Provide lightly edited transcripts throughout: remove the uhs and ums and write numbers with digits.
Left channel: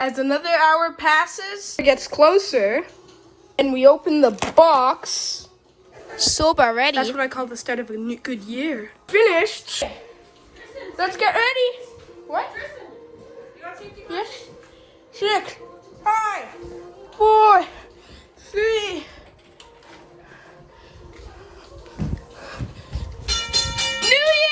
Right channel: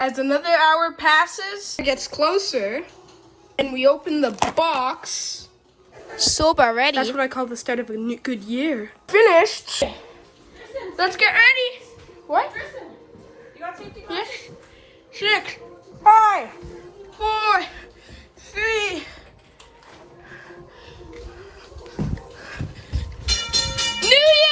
As another hour passes, it gets closer, and we open the box. Soap already. That's what I call the start of a good year. Finished. Let's get ready. What? Yes. 6, 5, 4, 3. New Year!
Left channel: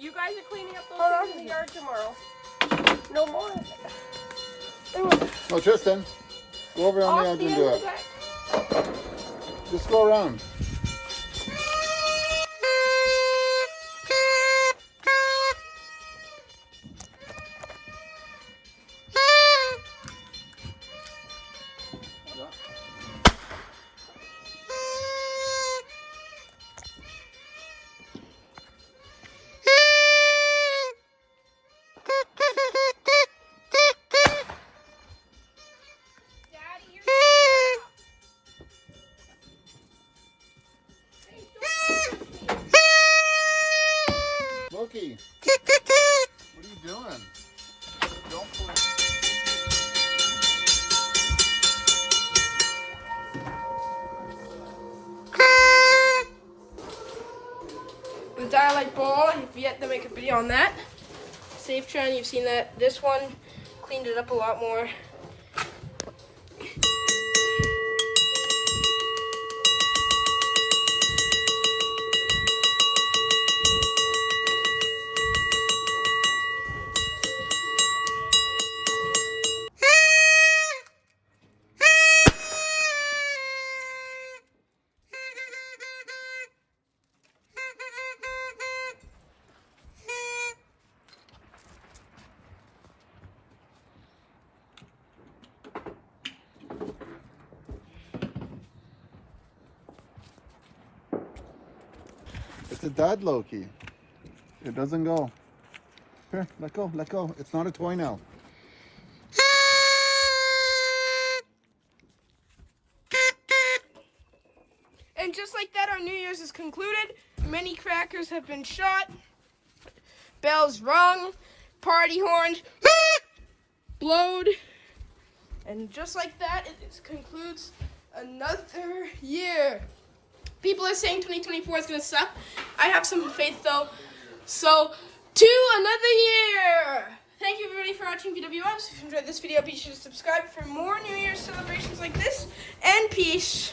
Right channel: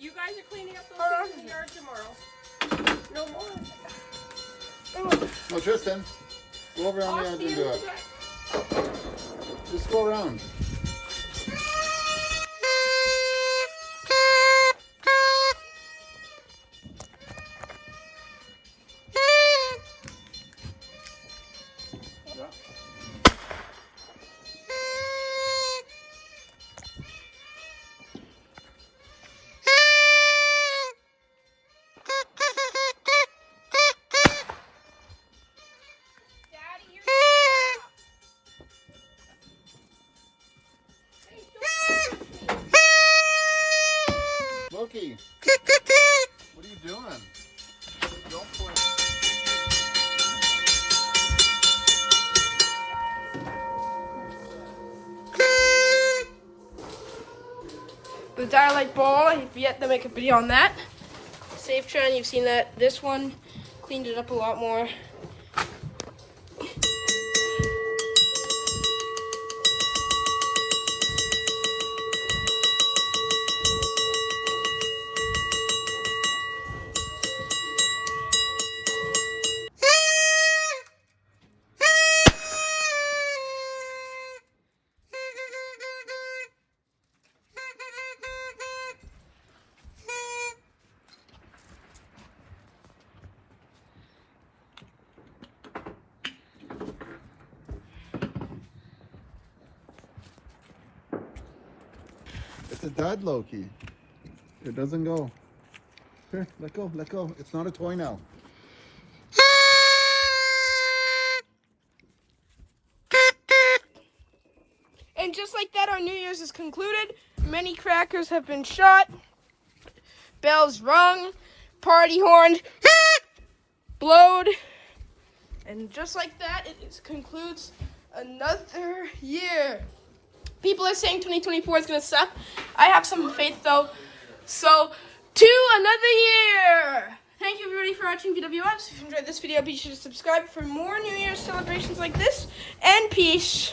You guys are cleaning up those things in the yard tomorrow. No more. No, Tristan, go over on the edge and do it. Just go around. Loki, what are you doing? Don't play. The Dialight ball, I've yet to make a video on that. Safe Trend, you've seen that. This one cleaned it up a lot more. It's a dud, Loki. It doesn't go. Here, let go, let go. It's not a toy now. And just like that, our New Year's is concluded. Many crackers have been shot. Bells rung. Party horns blowed. And just like that, it concludes another year. People are saying 2024 is going to suck. I have some faith, though. So, to another year. Thank you, everybody, for watching PWS. If you enjoyed this video, be sure to subscribe for more New Year's celebrations like this. And peace.